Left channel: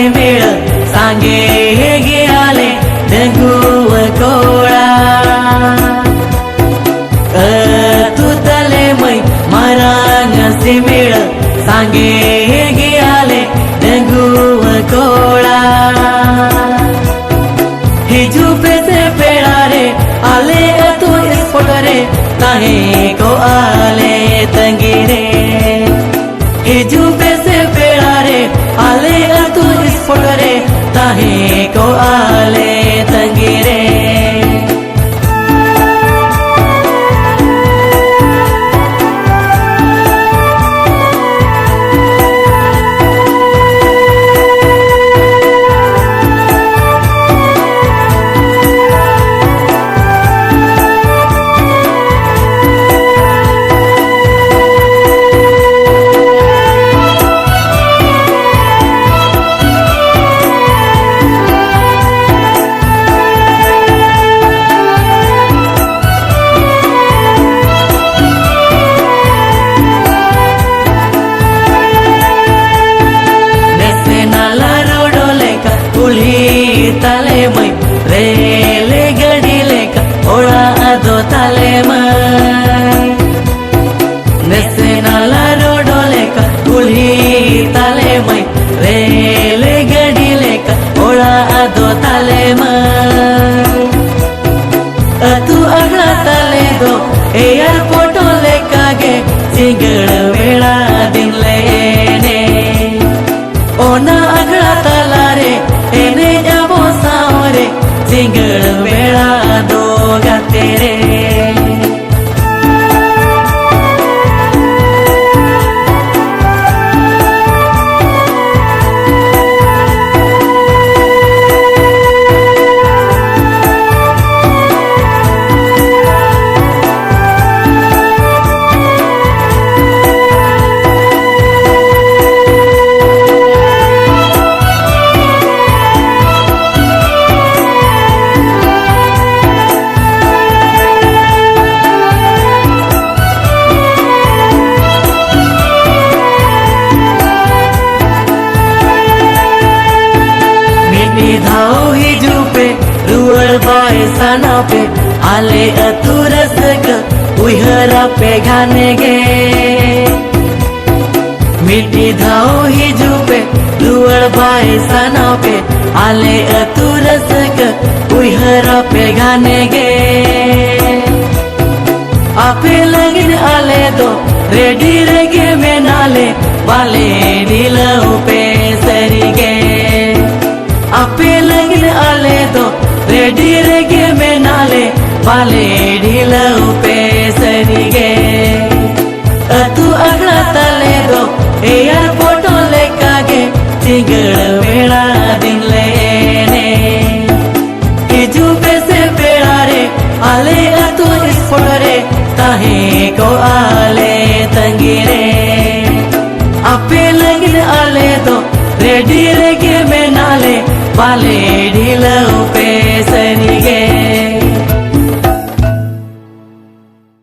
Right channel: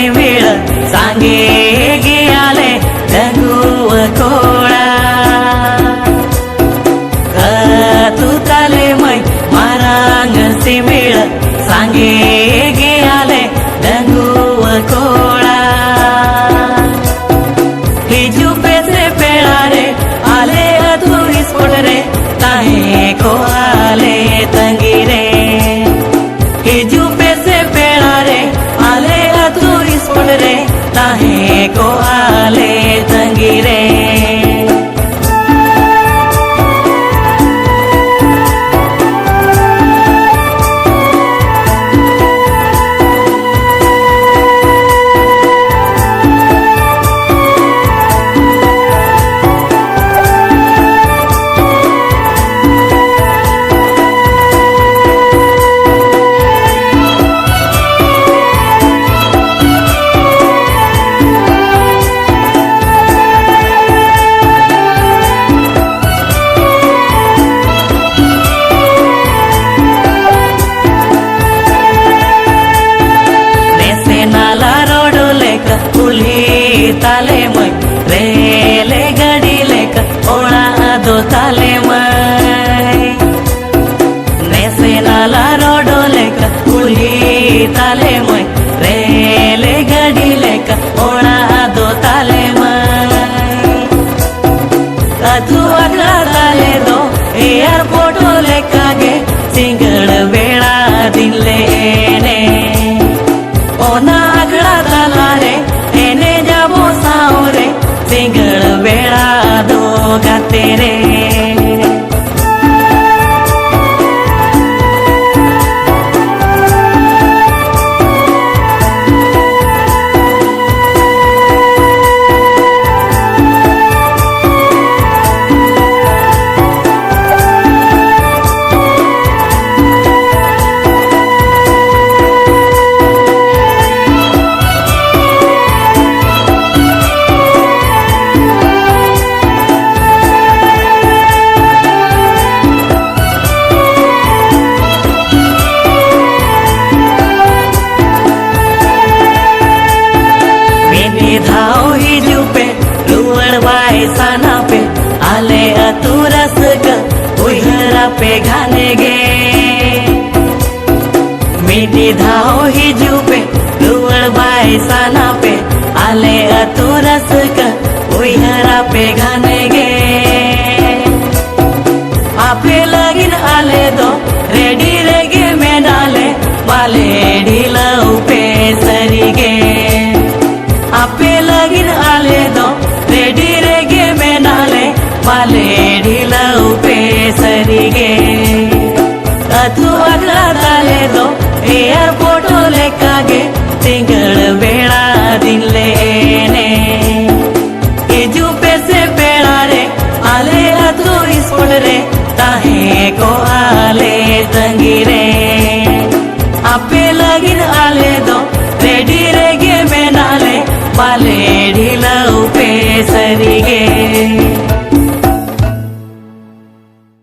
सिमिळ सांगे गे आले दंगुव कोळा तू तले मै मरांग सिमिळ सांगे गे आले दंगुव कोळा हिजू पेसे पेड़ा रे आले अधूरी पड़ रे ताहे को आले तंगी रे हिजू पेसे पेड़ा रे आले अधूरी पड़ रे ताहे को आले तंगी रे कुली ताले मै रेले गड़ी लेका ओड़ा दो ताले मै नेसे नाला रोडो लेका कुली ताले मै रेले गड़ी लेका ओड़ा दो ताले मै तू अगला ताले दो एयरपोर्ट लेका गे सिंगड़ वेड़ा दिन लेने ओना अगला ताला रे एने जाबो सावरे सिंगड़ वेड़ा दो गाते रे धाओ हिजू पे रुअर बाय साना पे आले अतुरस ग उहरा पे घाने गे मिट्टी धाओ हिजू पे रुअर बाय साना पे आले अतुरस ग उहरा पे घाने गे आपे लगिन आले दो रेडी रेगे में नाले वाले ढीलऊ पे सरी गे आपे लगिन आले दो रेडी रेगे में नाले वाले ढीलऊ पे सरी गे तू अगला ताले दो एयरपोर्ट लेका गे सिंगड़ वेड़ा दिन लेने हिजू पे से पेड़ा रे आले अतूरी पड़ रे ताहे को आले तंगी रे आपे लगिन आले दो रेडी रेगे में नाले वाले ढीलऊ पे सरी गे।